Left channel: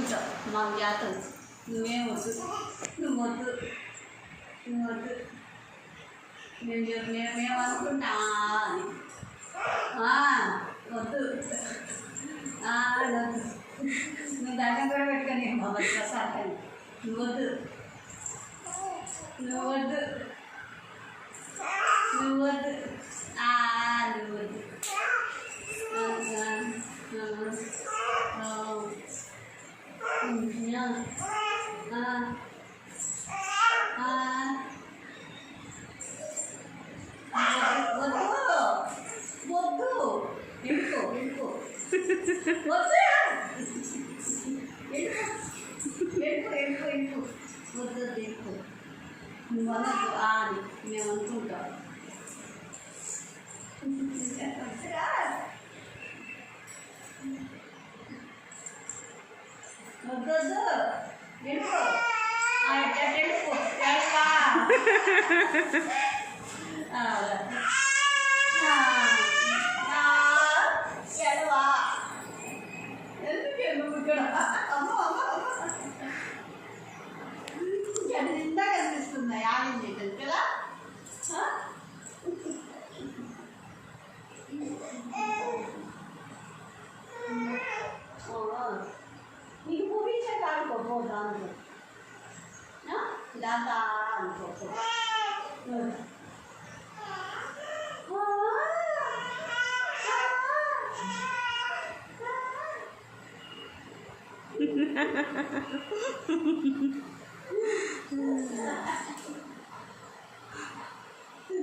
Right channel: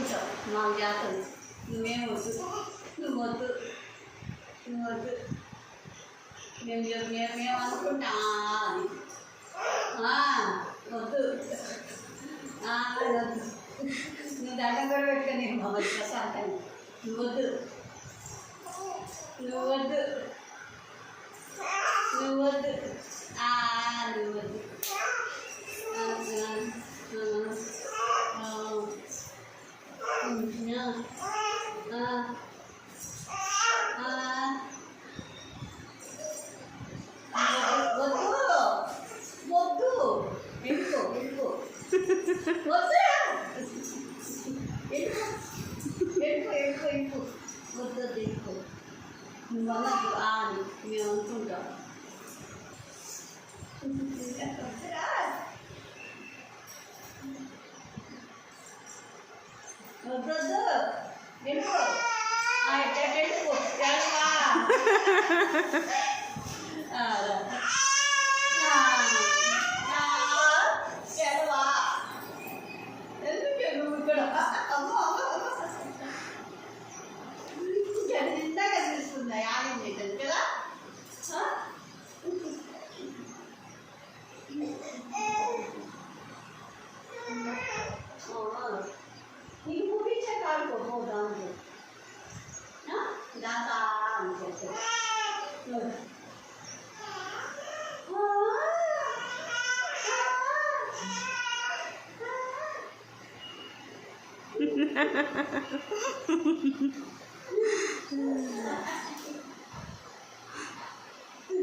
అనుకుంటావు మాకు జాతర నువ్వేం వద్దు నువ్వు వద్దు నువ్వు వద్దు మేము అనుకుంటా అని వద్దు వద్దు నువ్వు దండం కూడా పెట్టుకొని బాబా ప్రసాదాన్ని నువ్వు వద్దు నువ్వు వద్దు నువ్వు వద్దు నువ్వు వద్దు వద్దు ఇంకో ఇంకో వద్దు ఇంకో ఇంకో ఇంకో వద్దు ఇంకో నువ్వు అన్నట్టు అని మేము అనుకుంటాం వద్దు వెళ్ళిపో వెళ్ళిపో ఎడవా ఎందుకు నువ్వు ఇక్కడ నిండా కనిపిస్తుంది ఆయం చేయటం కదా నీకు చూపించాక ఆడుకోబో దాంట్లో దాంతో అనుకోవచ్చు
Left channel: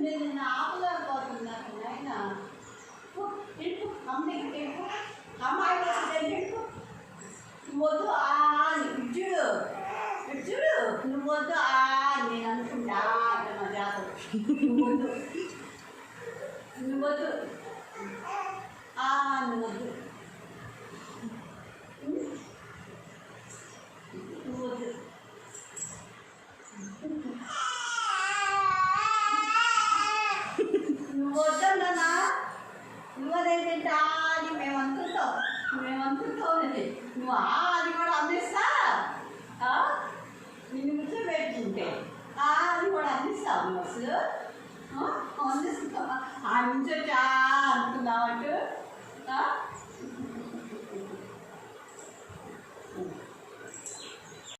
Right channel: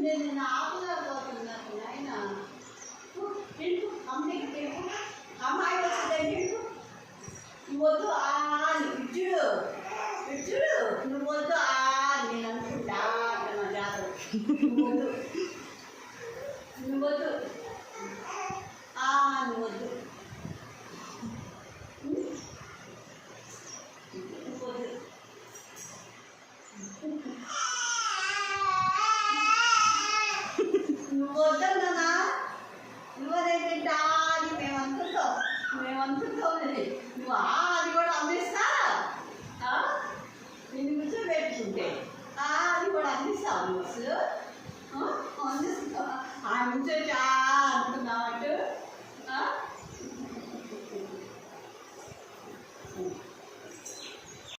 నేను ఆపలేకపోతున్నాను ఆయన అమ్మాయి వద్దు ఇచ్చుడు ఇచ్చుడు నువ్వు వద్దు నేను అనుకుంటా జాతర నువ్వు వద్దు నువ్వు వద్దు నువ్వు వద్దు నువ్వు వద్దు నువ్వు వద్దన్నా నువ్వు అదేంటా అని మేము అనుకుంటాం నువ్వు అది కూడా అందిస్తా నిన్ను ముచ్చు పెట్టుకుంటే అది కూడా అందిస్తావు నువ్వు అసలు అందిస్తావు ఆ నుంచి అనుకున్నావు